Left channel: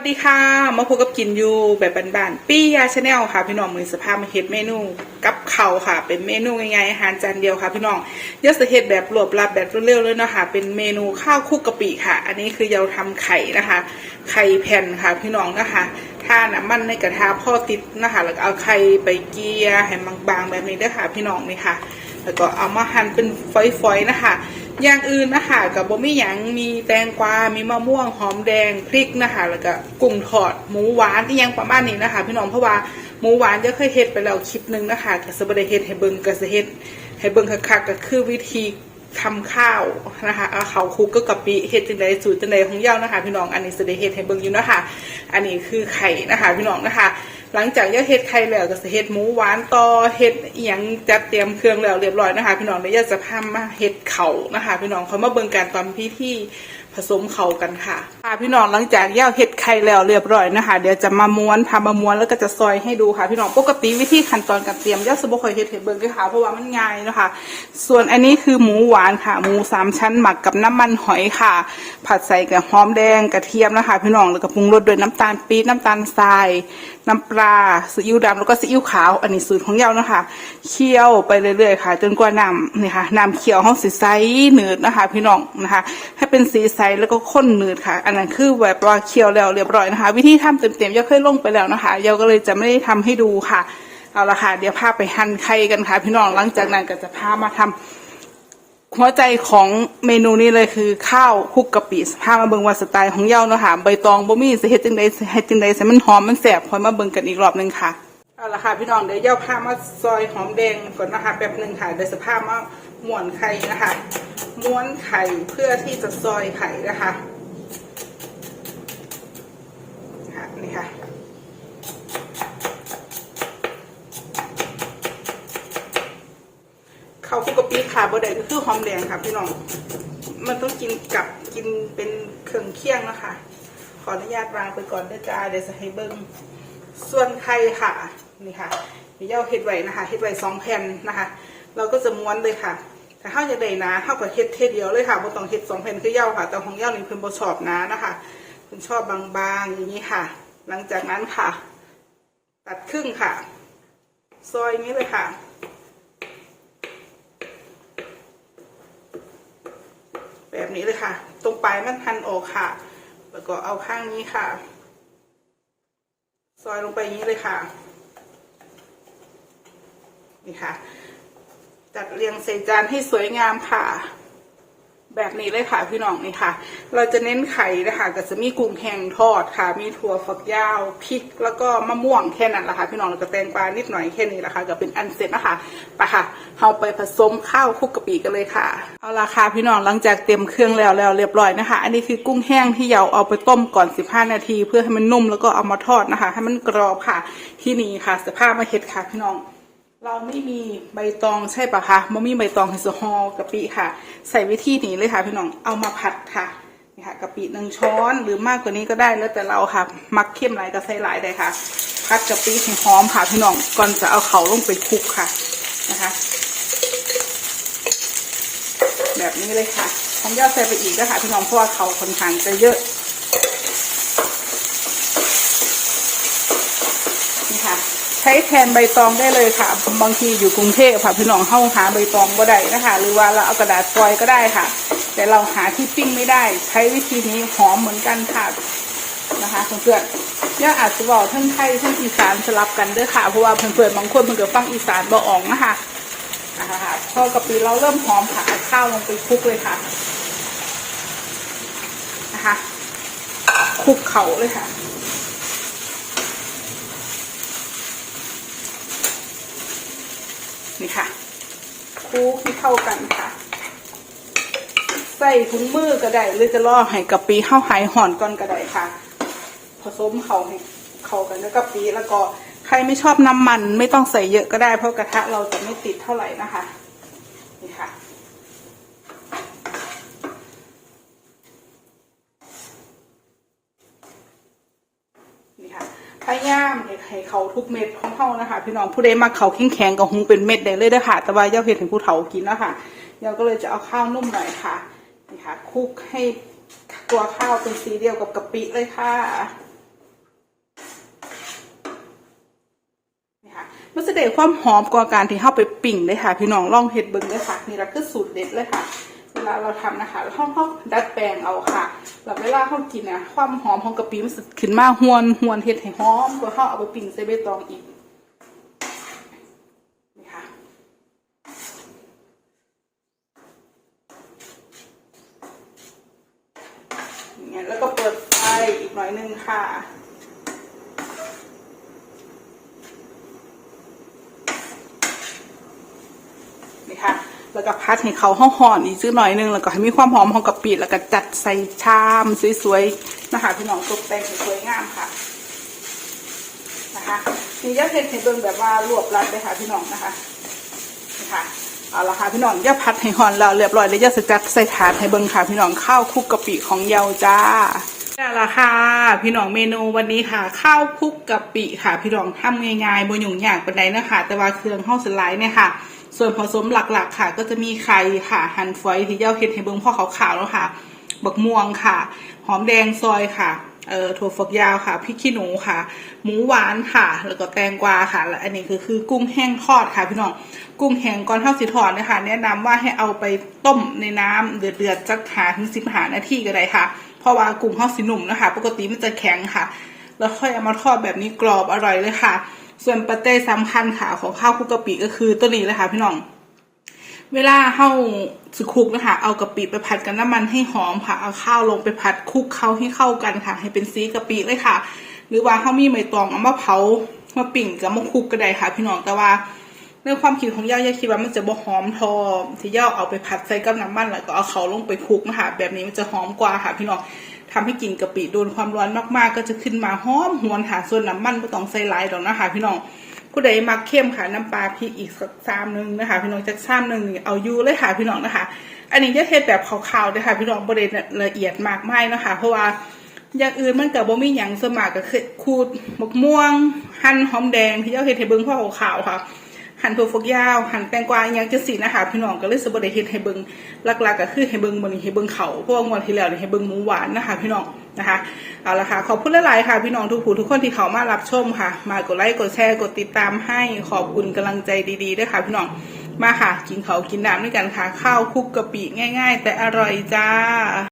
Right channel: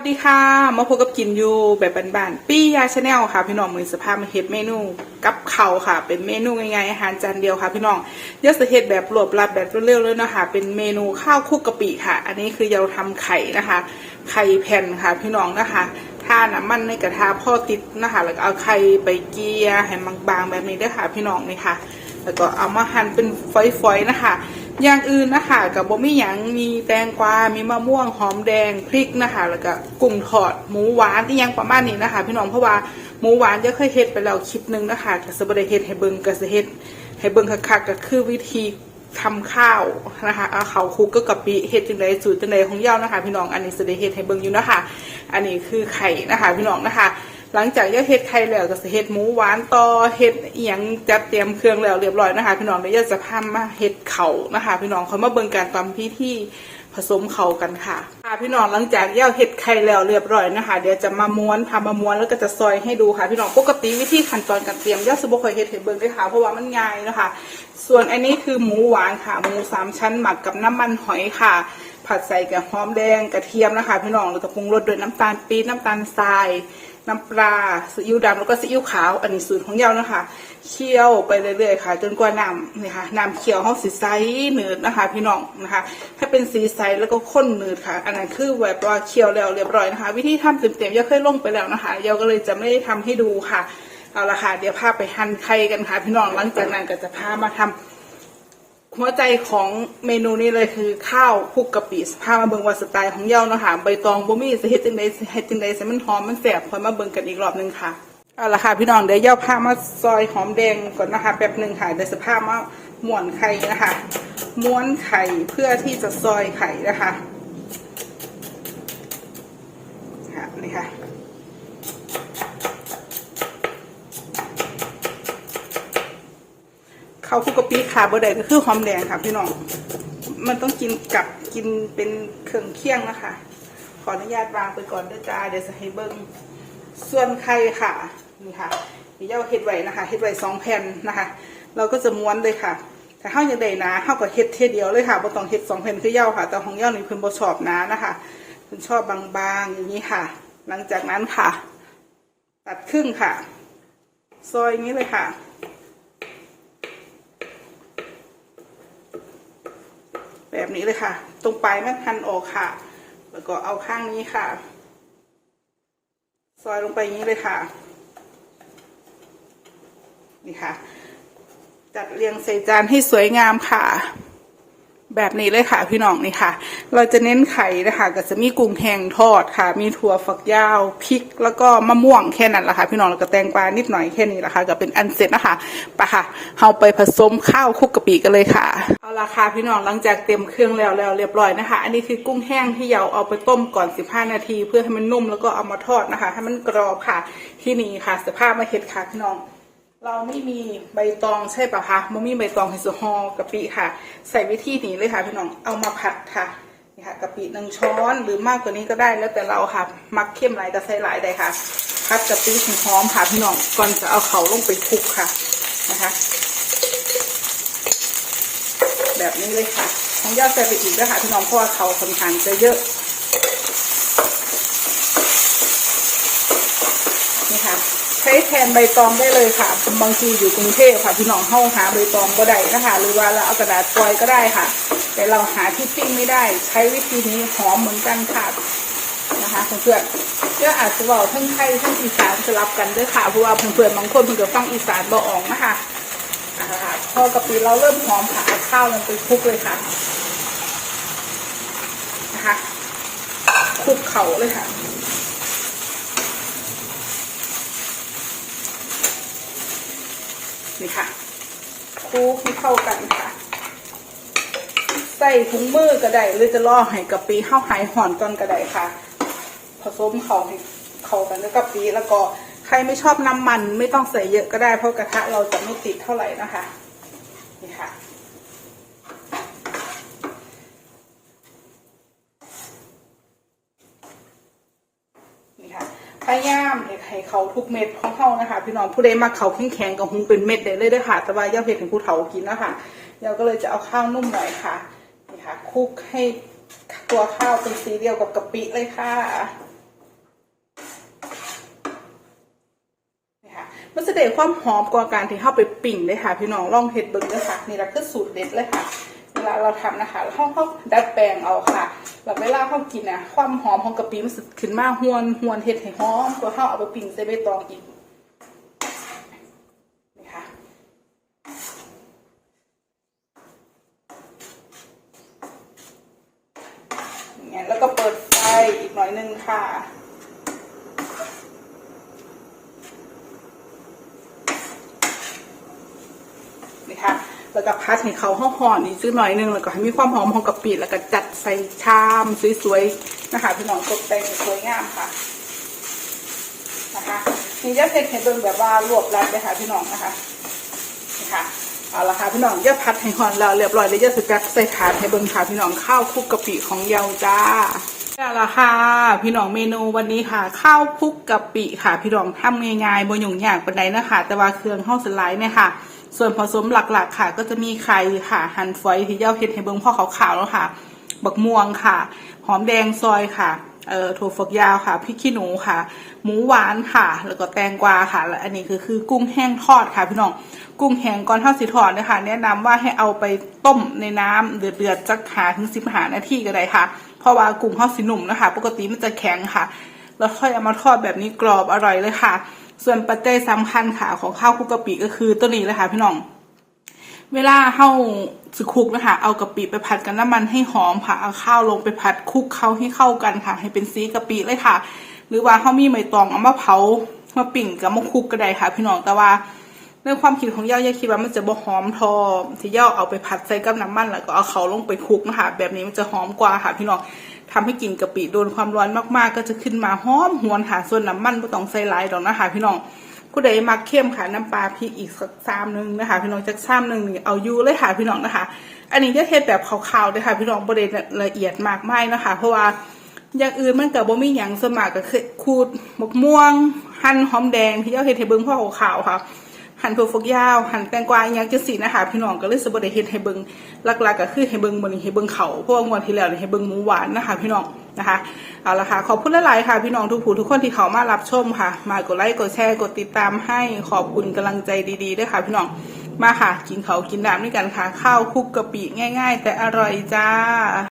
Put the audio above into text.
วัสดีค่ะ มาพบกับกินอยู่แบบบ้านๆปี้ยาชาแนลค่ะ พี่น้องมือสภาพมาเฮ็ดเมนูกับเขาค่ะ เป็นเมนูง่ายๆอาหารจานเดียวค่ะ พี่น้องยอสเฮ็ดแบบรวบลัดแบบเร็วๆเลยเนาะคะเป็นเมนูข้าวคุกกะปิค่ะ อันนี้คือเราทำไข่นะคะ ไข่แผ่นค่ะ พี่น้องนะคะถ้าน้ำมันในกระทะพ่อติดนะคะ แล้วก็เอาไข่ไปเกียให้บางๆแบบนี้ด้วยค่ะ พี่น้องนี่ค่ะ แล้วก็เอามาหั่นเป็นฝอยๆนะคะ อย่างอื่นนะคะกับบะหมี่หยังมีแตงกวา มีมะม่วงหอมแดงพริกนะคะแล้วก็กุ้งทอดหมูหวานที่ยังประมาณนี้นะคะ พี่น้องเพราะว่าหมูหวานจะเคยเฮ็ดไปแล้วคลิปหนึงนะคะก็สบเดเฮ็ดให้เบิ่งก็สิเฮ็ดให้เบิ่งคักๆก็คือวิธี ทำข้าวนะคะเอาข้าคุกกับกะปิเฮ็ดจังไดสูตรจังไดของเย้านะคะ พี่น้องอันนี้สิได้เฮ็ดให้เบิ่งอยู่นะคะ อันนี้คือไข่นะคะ พี่น้องนะคะ หลังจากย่าเฮ็ดไข่แล้วก็จะเฮ็ดหมูหวานต่อเฮ็ดอียงจัดเตรียมเครื่องแล้วเรียบร้อยนะคะ พี่น้องเดี๋ยวย่าจะพามาเฮ็ดเข่านะคะ พี่น้องเขามาเบิ่งการตอนพิธีผสมเข่ากันค่ะ ค่ะพี่น้องหลังจากย่าเห็ดไข่แล้วเรียบร้อยนะคะเดี๋ยวจะมาม้วนทำมาม้วนแล้วก็จะซอยให้ดูค่ะ พี่น้องปกติวิธีขั้นตอนการเตรียมย่าสมบูรณ์เคยเห็ดให้เบิ่งด้วยค่ะเพราะว่ามันง่ายนะคะ ส่วนอันนี้คือหมูหวานค่ะหมูสามชั้นหมักกับน้ำมันหอยค่ะ ผัดใส่กับหอมแดงกระเทียมนะคะ พี่น้องแล้วก็ปรุงรสด้วยน้ำตาลปี๊บน้ำตาลทราย น้ำปลาซีอิ๊วดำแล้วก็ซีอิ๊วขาว อันนี้สูตรของเย้านะคะ เคี่ยวไปเรื่อยๆค่ะ จนกว่าน้ำนี่ค่ะน้ำเคี่ยวห้องสีใสเนืดนะคะ พี่น้องนะคะ ให้เป็นสีใสแล้วก็ข้นเนืดค่ะ อันนั้นคือแบบว่าเคี่ยวแล้วเรียบร้อยนะคะ วิธีทำเต็มๆเย้าเคยลงไปแล้วนะคะเย้าก็เลยจะไม่ได้ทำให้ดูค่ะเอาละค่ะเดี๋ยวพาไปหั่นไข่กันค่ะ พี่น้องหลังจากนั้นก็จะพามาทำ หัวใจของเมนูนี้เลยคือข้าวคลุกกะปิถ้ามาเบิ่งว่าสไตล์ของเย้าเนาะค่ะใบตองบ่มีสิเฮ็ดจังได๋เฮ็ดจังได๋ให้มันหอมมันแซ่บพอยมาเบิ่งกันอีกรอบหนึงค่ะเอาละค่ะพี่น้องเดี๋ยวเย้าพามาซอยหอมแดงก่อนนะคะแป๊บหนึงค่ะเดี๋ยวสภาพมาม้วนไข่นะคะม้วนไข่เพื่อที่จะซอยไข่นะคะค่ะนี่ค่ะข้าวคุกกะปิ ขาบะไดก็คือหอมแดงค่ะพี่น้อง มันต้องกินกับกินเป็นเครื่องเคี่ยงนะคะ ขออนุญาตวางไปก่อนด้วยจ้าเดี๋ยวจะให้เบิ้งส่วนไข่ค่ะ นี่ค่ะเดี๋ยวเอาเฮ็ดไว้นะคะเฮ็ดไว้สองแผ่นนะคะ เราก็จะม้วนเลยค่ะแต่ข้าวจะได้นะข้าวก็เฮ็ดเทเดียวเลยค่ะบ่ต้องเฮ็ดสองแผ่นคือเย้าค่ะ แต่ของเย้านี่เพิ่นบ่ชอบนะนะคะเพิ่นชอบบางๆอย่างนี้ค่ะ หลังจากนั้นค่ะ ตัดครึ่งค่ะ ซอยนี้เลยค่ะ แบบนี้เลยค่ะ ตรงปลายมันพันออกค่ะ แล้วก็เอาข้างนี้ค่ะ ซอยลงไปอย่างนี้เลยค่ะ นี่ค่ะ จัดเรียงใส่จานให้สวยงามค่ะ แบบนี้เลยค่ะพี่น้องนี่ค่ะ เราจะเน้นไข่นะคะก็จะมีกุ้งแห้งทอดค่ะ มีถั่วฝักยาวพริก แล้วก็มะม่วงแค่นั้นแหละค่ะ พี่น้องแล้วก็แตงกวานิดหน่อยแค่นี้แหละค่ะก็เป็นอันเสร็จนะคะไปค่ะเอาไปผสมข้าวคลุกกะปิกันเลยค่ะเอาละค่ะพี่น้องหลังจากเตรียมเครื่องแล้วแล้วเรียบร้อยนะคะ อันนี้คือกุ้งแห้งที่เราเอาไปต้มก่อน 15 นาที เพื่อให้มันนุ่มแล้วก็เอามาทอดนะคะ ให้มันกรอบค่ะที่นี่ค่ะสภาพมาเห็ดค่ะพี่น้อง เราไม่มีใบตองใช่ปะคะไม่มีใบตองคือสฮอกะปิค่ะ ใส่วิธีนี้เลยค่ะพี่น้อง เอามาผัดค่ะ นี่ค่ะกะปิหนึ่งช้อนหรือมากกว่านี้ก็ได้แล้วแต่เราค่ะ มักเข้มหลายจะใส่หลายได้ค่ะผัดกะปิให้หอมค่ะพี่น้อง ก่อนจะเอาเขาลงไปคลุกค่ะ นะคะ แบบนี้เลยค่ะผมจะใส่ไปอีกนะคะพี่น้องเพราะว่าเขาค่อนข้างจะเยอะ นี่ค่ะใช้แทนใบตองได้เลยค่ะ บางทีอยู่กรุงเทพค่ะพี่น้องห้องหาใบตองก็ได้นะคะหรือว่าเราเอากระดาษฟอยก็ได้ค่ะ แต่เราหาที่ปิ้งไม่ได้ ใช้วิธีนี้หอมเหมือนกันค่ะนะคะเพื่อนๆเรื่องอาจจะบอกเพิ่งไทยเพิ่งอีสานสลับกันด้วยค่ะเพราะว่าเพื่อนๆบางคนเพิ่งจะฟังอีสานบ่ออกนะคะนะคะพอกะปิเราเริ่มหอมค่ะข้าวลงไปคลุกเลยค่ะนะคะคลุกเขาเลยค่ะ นี่ค่ะคลุกให้เข้ากันค่ะ ใส่ถุงมือก็ได้หรือจะล่อให้กะปิเข้าหายห่อนก่อนก็ได้ค่ะ ผสมเขาให้เข้ากันแล้วกะปิแล้วก็ใครไม่ชอบน้ำมันไม่ต้องใส่เยอะก็ได้เพราะกระทะเราจะไม่ติดเท่าไหร่นะคะ พยายามให้เขาทุกเม็ดของเขานะคะ พี่น้องผู้ใดมาเขาแข็งแข็งกับหุงเป็นเม็ดได้เลยนะคะแต่ว่าย่าเห็ดถึงผู้เฒ่ากินนะคะย่าก็เลยจะเอาข้าวนุ่มหน่อยค่ะนี่ค่ะคลุกให้ตัวข้าวเป็นสีเดียวกับกะปิเลยค่ะนี่ค่ะมันจะได้ความหอมกว่าการที่เข้าไปปิ่งเลยค่ะ พี่น้องลองเห็ดเบิ้งเลยค่ะนี่แหละคือสูตรเด็ดเลยค่ะ เวลาเราทำนะคะเราต้องเขาดัดแปลงเอาค่ะแบบเวลาเขากินเนี่ยความหอมของกะปิมันสิขึ้นมาหวนหวนเห็ดให้หอมตัวเขาเอาไปปิ้งใส่ใบตองอีกนี่ค่ะ อย่างเงี้ยแล้วก็เปิดไฟอีกหน่อยนึงค่ะ นี่ค่ะ แล้วก็พัดให้เขาห้องหอมอีกสักหน่อยนึงแล้วก็ให้มีความหอมของกะปิแล้วก็จัดใส่ชามสวยๆนะคะพี่น้องตกแต่งสวยงามค่ะนะคะนี่จะเห็ดให้เบิ่งแบบว่ารวบรัดเลยค่ะพี่น้องนะคะนี่ค่ะเอาละค่ะพี่น้องย่าพัดให้หอนแล้วเรียบร้อยแล้วย่าสจัดใส่ถาดให้เบิ่งค่ะพี่น้องข้าวคลุกกะปิของเยาจ้าได้ละค่ะพี่น้องเมนูวันนี้ค่ะ ข้าวคลุกกะปิค่ะ พี่น้องทำง่ายๆบนหยุ่งยากปานใดนะคะแต่ว่าเครื่องห้องสไลด์เนี่ยค่ะ ส่วนผสมหลักๆค่ะ ก็จะมีไข่ค่ะหั่นฝอยที่เย่าเห็ดให้เบิ่งพ่อขาวๆแล้วค่ะ บักม่วงค่ะ หอมแดงซอยค่ะเอ่อถั่วฝักยาวค่ะพริกขี้หนูค่ะ หมูหวานค่ะ แล้วก็แตงกวาค่ะและอันนี้คือคือกุ้งแห้งทอดค่ะพี่น้องกุ้งแห้งก่อนเท่าสิทอดนะคะแนะนำว่าให้เอาไปต้มในน้ำเดือดๆจักหาถึงสิบหานาทีก็ได้ค่ะ เพราะว่ากุ้งเท่าสิหนุ่มนะคะ ปกติมันจะแข็งค่ะ แล้วค่อยเอามาทอดแบบนี้กรอบอร่อยเลยค่ะ ส่วนปัจจัยสำคัญค่ะของข้าวคุกกะปิก็คือตัวนี้เลยค่ะพี่น้อง เวลาเฮาสิคุกนะคะเอากะปิไปผัดกับน้ำมันให้หอมค่ะเอาข้าวลงไปผัดคุกเข้าให้เข้ากันค่ะ ให้เป็นสีกะปิเลยค่ะ หรือว่าเฮามีใบตองเอามาเผามาปิ่งกับมาคุกก็ได้ค่ะ พี่น้องแต่ว่าในความคิดของย่าย่าคิดว่ามันจะบ่หอมทอที่ย่าเอาไปผัดใส่กับน้ำมันแล้วก็เอาเขาลงไปคุกนะคะแบบนี้มันจะหอมกว่าค่ะ พี่น้อง ทำให้กลิ่นกะปิโดนความร้อนมากๆ ก็จะขึ้นมาหอมหวนค่ะส่วนน้ำมันไม่ต้องใส่หลายดอกนะคะพี่น้องผู้ใดมักเข้มค่ะน้ำปลาพริกอีกสักซามหนึงนะคะ พี่น้องจักซามหนึงนี่เอาอยู่เลยค่ะพี่น้องนะคะ อันนี้จะเทศแบบขาวๆเลยค่ะพี่น้องประเด็นละเอียดมากไม่นะคะ เพราะว่าอย่างอื่นมันกับบ่มีหยังสมัครก็คือขูดมกม่วง หั่นหอมแดงที่เจ้าเฮ็ดให้เบิ่งพ่อขาวๆค่ะ หั่นถั่วฝักยาว หั่นแตงกวาอหยังจังซี่นะคะพี่น้องก็เลยสบดเฮ็ดให้เบิงหลักๆก็คือให้เบิงมือนี้ให้เบิงเขาเพราะว่างวดที่แล้วนี่ให้เบิงหมูหวานนะคะพี่น้องนะคะเอาละค่ะขอบคุณหลายๆค่ะ พี่น้องทุกผู้ทุกคนที่เขามารับชมค่ะ มากดไลค์กดแชร์กดติดตามให้ขอบคุณกำลังใจดีๆด้วยค่ะ พี่น้องมาค่ะ กินเขากินน้ำด้วยกันค่ะ ข้าวคลุกกะปิง่าย ๆ แต่อร่อยจ้า